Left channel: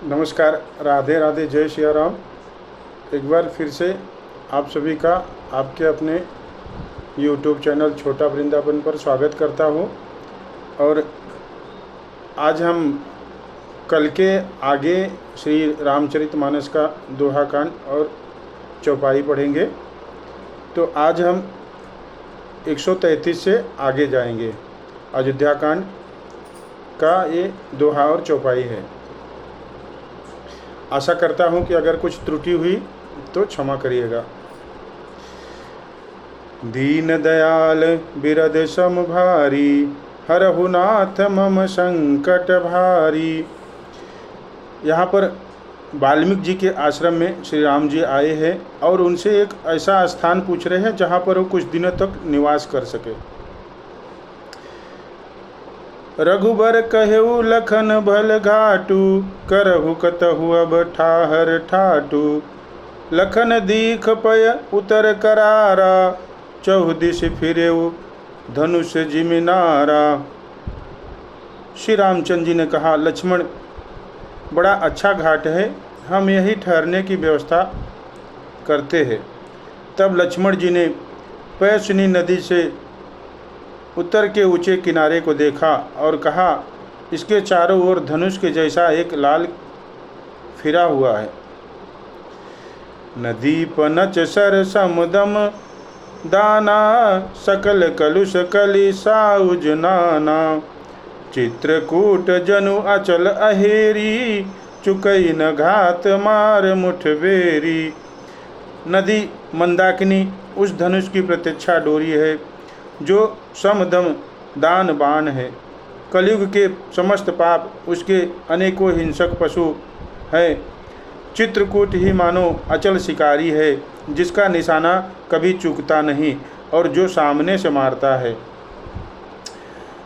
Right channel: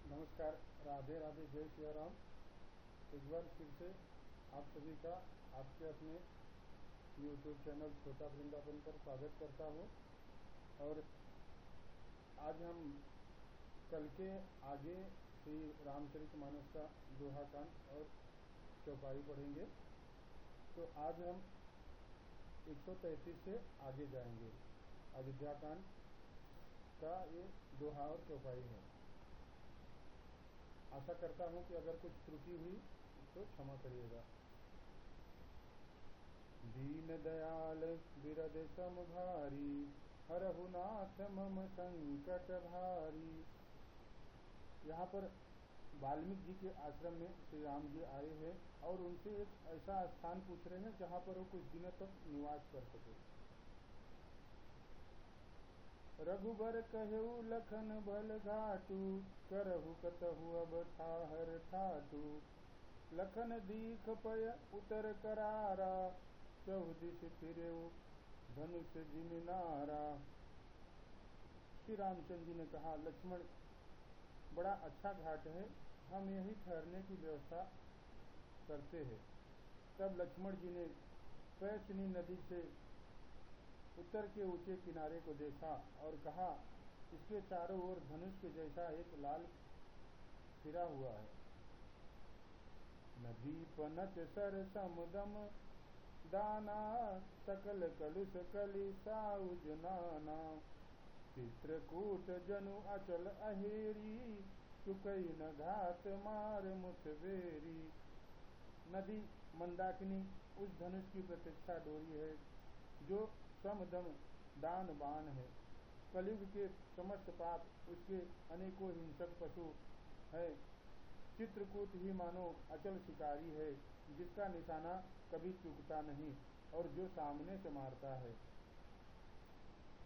नमस्कार, राधे राधे, जय श्री राम। एक बार फिर से आप सभी का आपके अपने YouTube चैनल छोटा वृंदावन पर स्वागत करता हूँ। और आज हम कल के आगे श्री रामचरितमानस का दोहा कांड और चौपाई पढ़ेंगे। तो आज हम 133 से आगे जाएंगे। अयोध्या कांड का ये दोहा और चौपाई है। आशा करता हूँ कि अगर कुछ त्रुटि हुई तो क्षमा करिएगा। दीन दयाल बिरद सम भारी, हरहु नाथ मम संकट भारी। यहाँ पर वाल्मीकि जी के आश्रम में श्री राम जी आए हैं और उनसे एक ऐसा स्थान पूछ रहे हैं जहाँ पर वो कुछ दिनों तक निवास कर सके। रघुबर कहेऊ लखन भल घाटू, करहु कतहु अब ठाहर ठाटू। लखन दीख पय उतर करारा, चौदिश फिरेऊ धनुष जिमिनारा। श्री रामचंद्र जी ने कहा, लक्ष्मण बड़ा अच्छा घाट है, हम यही ठहरने की व्यवस्था करते हैं। तब लक्ष्मण जी ने पैसनी नदी से उत्तर के ऊंचे किनारे को देखा और कहा, इसके चारों ओर धनुष के जैसा एक लाल फिरा हुआ है। नदी पनच सर समुदम दाना, सकल कलुष कलि साउज नाना। चित्रकूट जनु अचल अहेरी, चुकई न घात मार मुठबेरी। नदी मंदाकिनी उस धनुष की प्रतीक्षा डोरी है जो समदम दान बाण है। कलयुग के समस्त पाप उसके अनेकों हिंसक पशु है। चित्रकूट ही मानो अचल शिकारी है जिसका निशाना कभी चूकता नहीं और जो सामने से मारता है।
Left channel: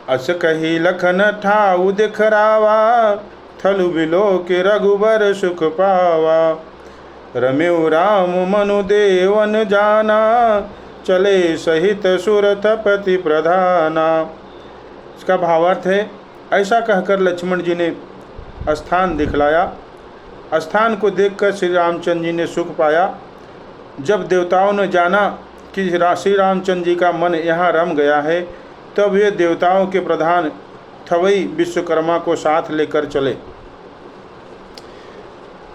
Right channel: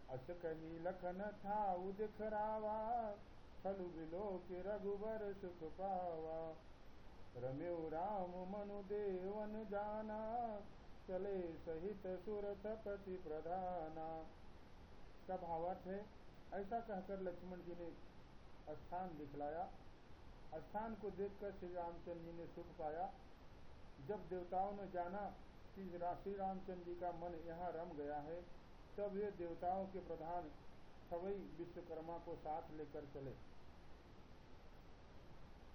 अस कही लखन ठाउ दिखरावा, थलु बिलो के रघुबर सुख पावा। रमेउ राम मनु देवन जाना, चले सहित सुरथपति प्रधाना। इसका भावार्थ है, ऐसा कहकर लक्ष्मण जी ने स्थान दिखलाया। स्थान को देखकर श्री रामचंद्र जी ने सुख पाया। जब देवताओं ने जाना कि श्री रामचंद्र जी का मन यहाँ रम गया है, तब वे देवताओं के प्रधान थवई विश्वकर्मा को साथ लेकर चले।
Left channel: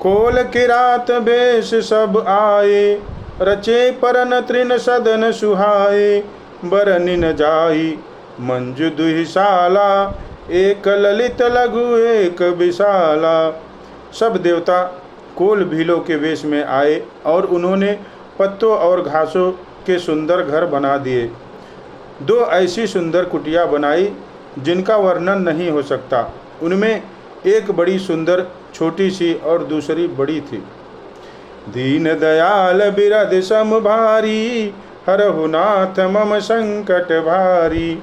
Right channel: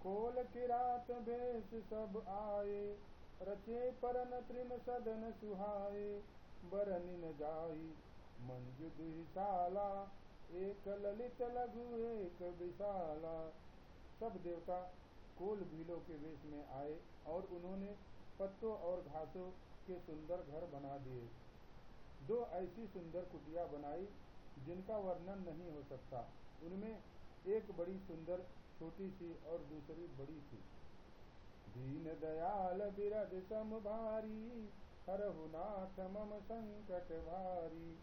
कोल किरात बेश सब आए, रचे परन तृण सदन सुहाए। बरनिन जाई मंजु दुहिशाला, एक ललित लघु एक विशाला। सब देवता कोल भीलों के वेश में आए और उन्होंने पत्तों और घासों के सुंदर घर बना दिए। दो ऐसी सुंदर कुटिया बनाई जिनका वर्णन नहीं हो सकता। उनमें एक बड़ी सुंदर छोटी सी और दूसरी बड़ी थी। दीन दयाल बिरद सम भारी, हरहु नाथ मम संकट भारी।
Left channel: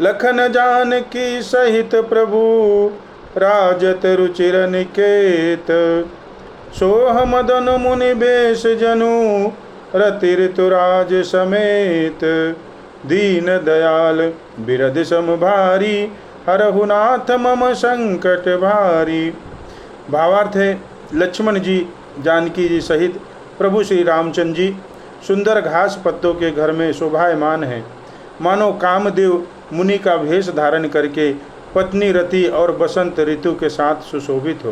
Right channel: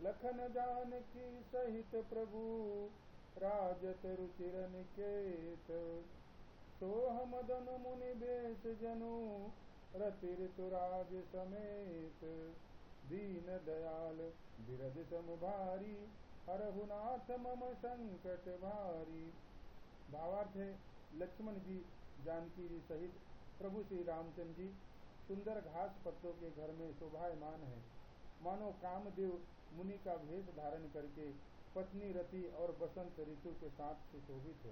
लखन जानकी सहित प्रभु, राजत रुचिर निकेत। सोह मदन मुनि बेश जनु, रति ऋतुराज समेत। दीन दयाल बिरद सम भारी, हरहु नाथ मम संकट भारी। भावार्थ है, लक्ष्मण जी जानकी जी सहित प्रभु श्री रामचंद्र जी सुंदर घास पत्तों के घर में शोभायमान हैं, मानो कामदेव मुनि का भेष धारण करके पत्नी रति और बसंत ऋतु के साथ सुशोभित हो।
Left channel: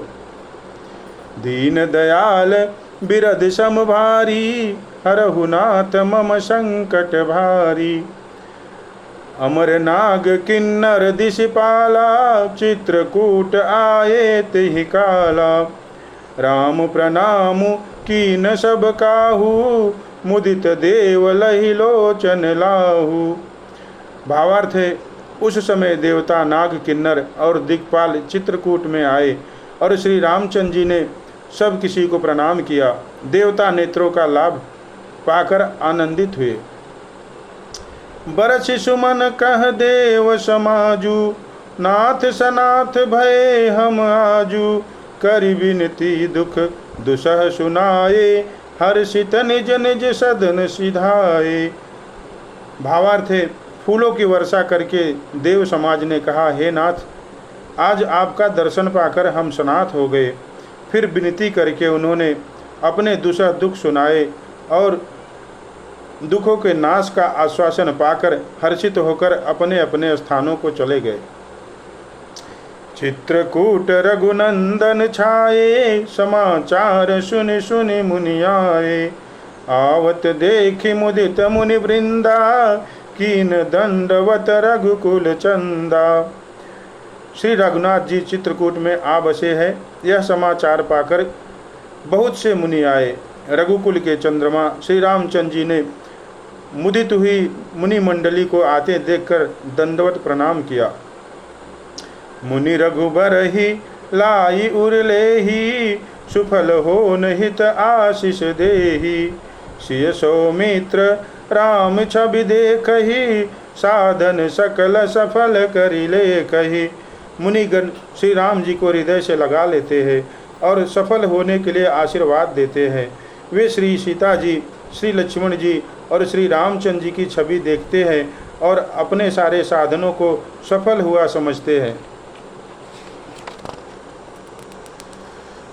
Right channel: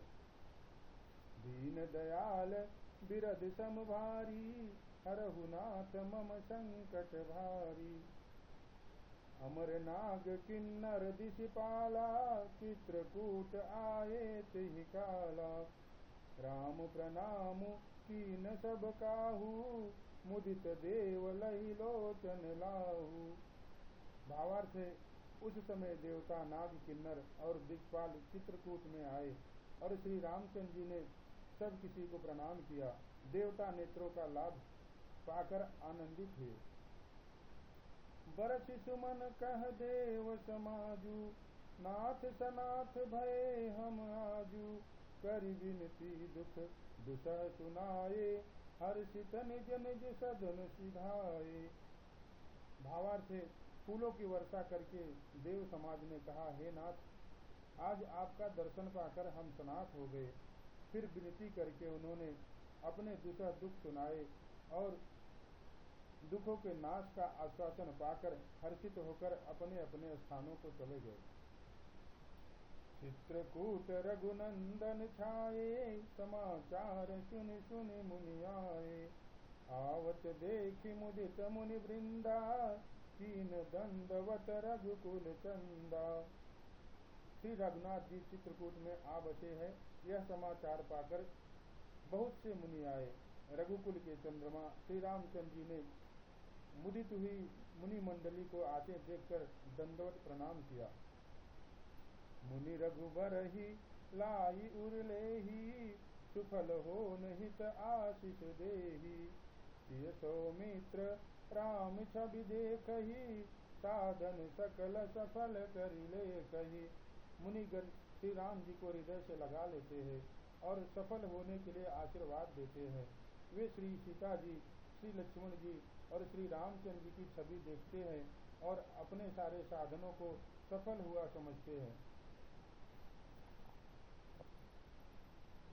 दीन दयाल बिरद सम भारी, हरहु नाथ मम संकट भारी। अमर नाग किन्नर दिशपाला, चित्रकूट आए तिहि काला। राम प्रणाम कीन सब काहू, मुदित देव लहि लोचन लाहू। भावार्थ है, उस समय देवता नाग किन्नर और दिक्पाल चित्रकूट में आए और श्री रामचंद्र जी ने सब किसी को प्रणाम किया। देवता नेत्रों का लाभ पाकर आनंदित हुए। बरछि सुमन कह देव समाजू, नाथ सनाथ भय हम आजू। करि विनती दुख दुसह सुनाए, हर्षित निज निज सदन सिधाए। भावार्थ है, फूलों की वर्षा करके देव समाज ने कहा, हे नाथ, आज आपका दर्शन पाकर हम सनाथ हो गए। फिर विनती करके उन्होंने अपने दुसह दुख सुनाए और दुखों के नाश का आश्वासन पाकर हर्षित होकर अपने अपने स्थानों को चले गए। चित्रकूट रघुनंदन छाये, समाचार सुनि सुनि मुनि आए। आवत देखि मुदित मुनि वृंदा, कीन दंडवत रघुकुल चंदा। श्री रघुनाथ जी चित्रकूट में आ बसे हैं, यह समाचार पाकर बहुत से मुनि आए। रघुकुल के चंद्रमा श्री रामचंद्र जी ने मुदित हुई मुनि मंडली को आते देखकर दंडवत प्रणाम किया। मुनि रघुबर ही लाई उरले ही, सुफल हो निहित आशीष देही। सिय सौमित्र राम छवि देखहि, साधन सकल सफल करिले कही। मुनिगण श्री राम जी को हृदय से लगा लेते हैं और सफल होने के लिए आशीर्वाद देते हैं। वे श्री सीता जी, श्री लक्ष्मण जी और श्री रामचंद्र जी की छवि देखते हैं और अपने सारे साधनों को सफल हुआ समझते हैं।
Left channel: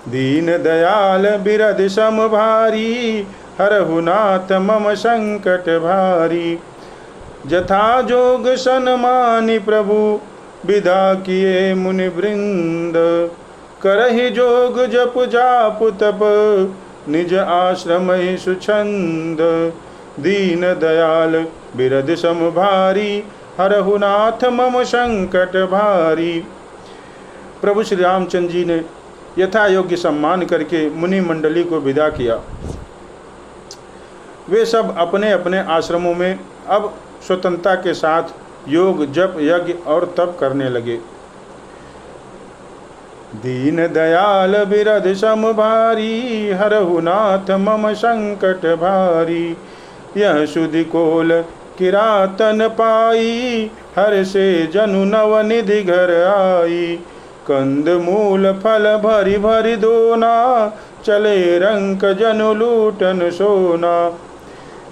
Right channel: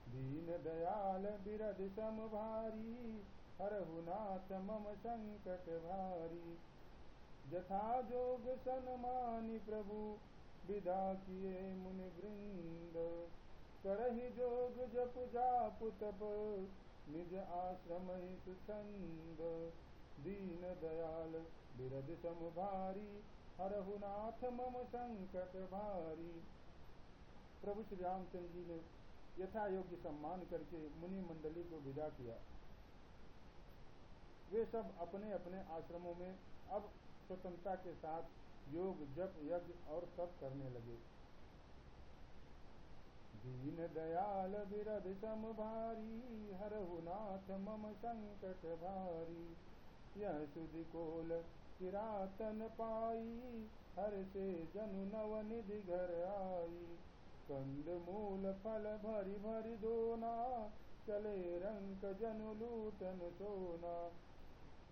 दीन दयाल बिरद सम भारी, हरहु नाथ मम संकट भारी। जथा जोग सन्मानि प्रभु, विदा किए मुनि वृंद। करहि जोग जप जाप तप, निज आश्रम सुछंद। दीन दयाल बिरद सम भारी, हरहु नाथ मम संकट भारी। प्रभु श्री रामचंद्र जी ने यथा योग्य सम्मान करके मुनि मंडली को विदा किया। वे सब अपने अपने आश्रमों में अब स्वतंत्रता के साथ योग जप यज्ञ और तप करने लगे। दीन दयाल बिरद सम भारी, हरहु नाथ मम संकट भारी। यह सुधि कोल किरातन पाई, हर से जनु नव निधि घर आई। कंद मूल फल भरी भरी दोना, चले रंक जनु लूटन सोना।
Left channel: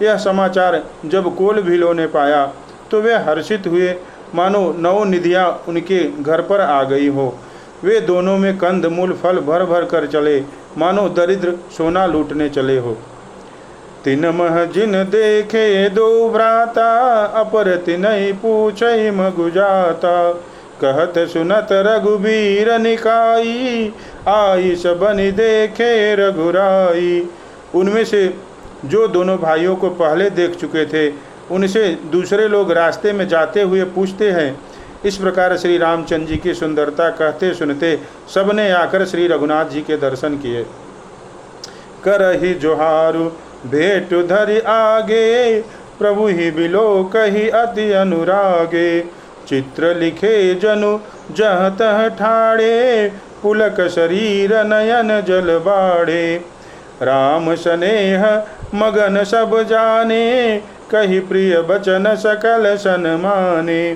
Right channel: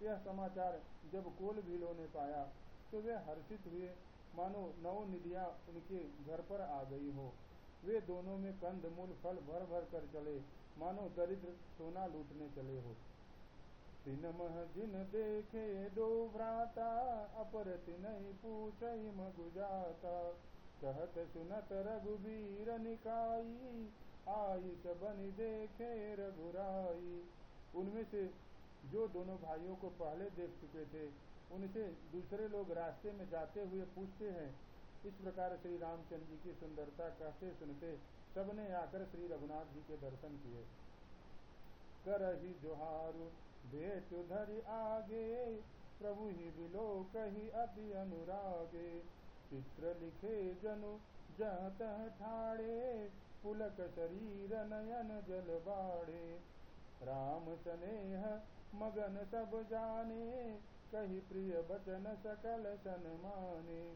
यह समाचार जब कोल भीलों ने पाया तो वे हर्षित हुए, मानो नौ निधियाँ उनके घर पर आ गई हो। वे दोनों में कंद मूल फल भर भर कर चले, मानो दरिद्र सोना लूटने चले हो। तिन मह जिन देखे दो भ्राता, अपर तिनहि पूछहि मगु जाता। कहत सुनत रघुबीर निकाई, आई सबनि देखे रघुराई। उनमें से जो दोनों भाइयों को पहले देख चुके थे, उनसे दूसरे लोग रास्ते में जाते हुए पूछते हैं। इस प्रकार श्री रामचंद्र जी की सुंदरता कहते सुनते सबने आकर श्री रघुनाथ जी के दर्शन किए। करहि जोहारु भेंट धरि आगे, प्रभु ही बिलो कही अति अनुरागे। चित्र लिखे जनु जह तह ठाड़े, पुलक शरीर नयन जल बाड़े। राम स्नेह मगन सब जाने, कही प्रिय बचन सकल सन्माने।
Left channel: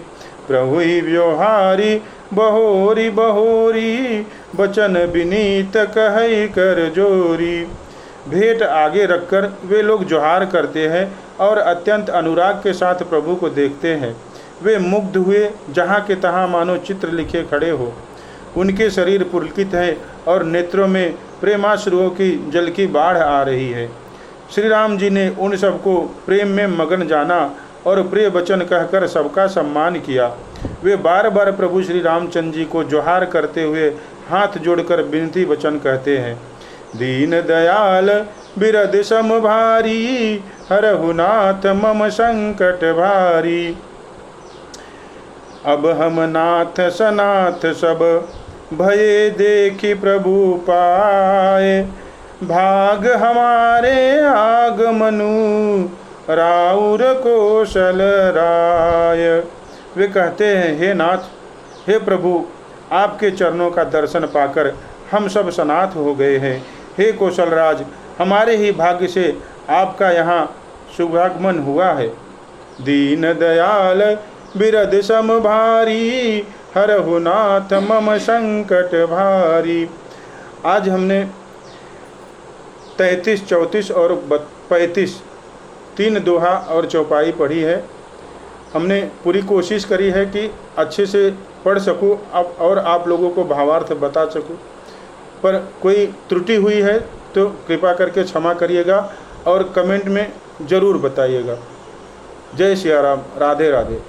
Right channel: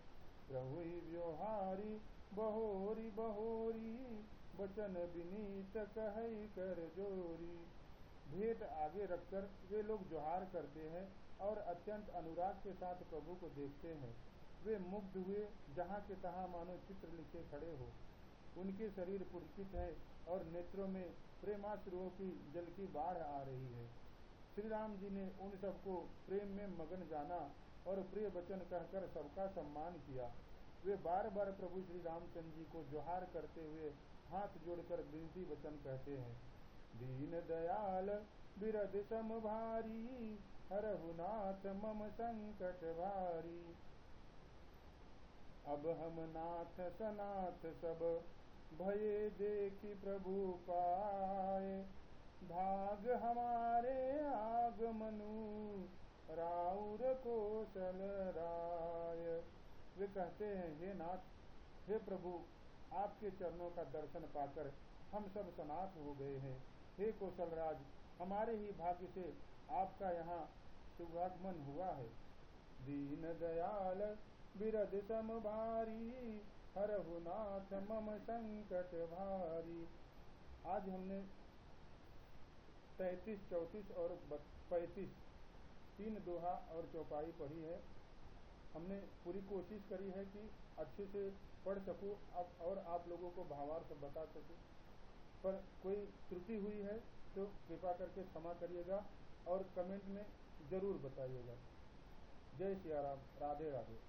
प्रभु ही व्यवहारी बहोरी बहोरी, बचन विनीत कहि कर जोरी। भेंट आगे रखकर वे लोग जोहार करते हैं और अत्यंत अनुराग के साथ प्रभु को देखते हैं। वे मुग्ध हुए, जहाँ के तहाँ मानो चित्र लिखे खड़े हो। उनके शरीर पुलकित है और नेत्रों में प्रेमाश्रुओं की जल की बाढ़ आ रही है। श्री राम जी ने उन सबको प्रेम में मगन जाना और प्रिय वचन कहकर सबका सम्मान किया। वे बार बार प्रभु श्री रामचंद्र जी को जोहार करते हुए हाथ जोड़कर विनती वचन कहते हैं। दीन दयाल बिरद सम भारी, हरहु नाथ मम संकट भारी। अब हम नाथ सनाथ सब, भये देखी प्रभु पाए। भाग हमारे आगमनु, राउर कौशल राय। वे कहते हैं, हे नाथ, हे प्रभु, आपके चरणों का दर्शन पाकर हम सब सनाथ हो गए हैं। हे कौशलराज, हमारे ही भाग्य से आपका यहाँ शुभागमन हुआ है। दीन दयाल बिरद सम भारी, हरहु नाथ मम संकट भारी। आज हमने 33, 34 और 35 तीन दोहा और चौपाई पढ़ी है। हमने पूरी कोशिश करी है कि अच्छे से पढ़ सकूं और आप लोगों को भावार्थ बता सकूं। पर कोई त्रुटि हुई है तो कृपा करके क्षमा करिएगा और कमेंट में ज़रूर बताइएगा। जय सिया राम। राधे राधे।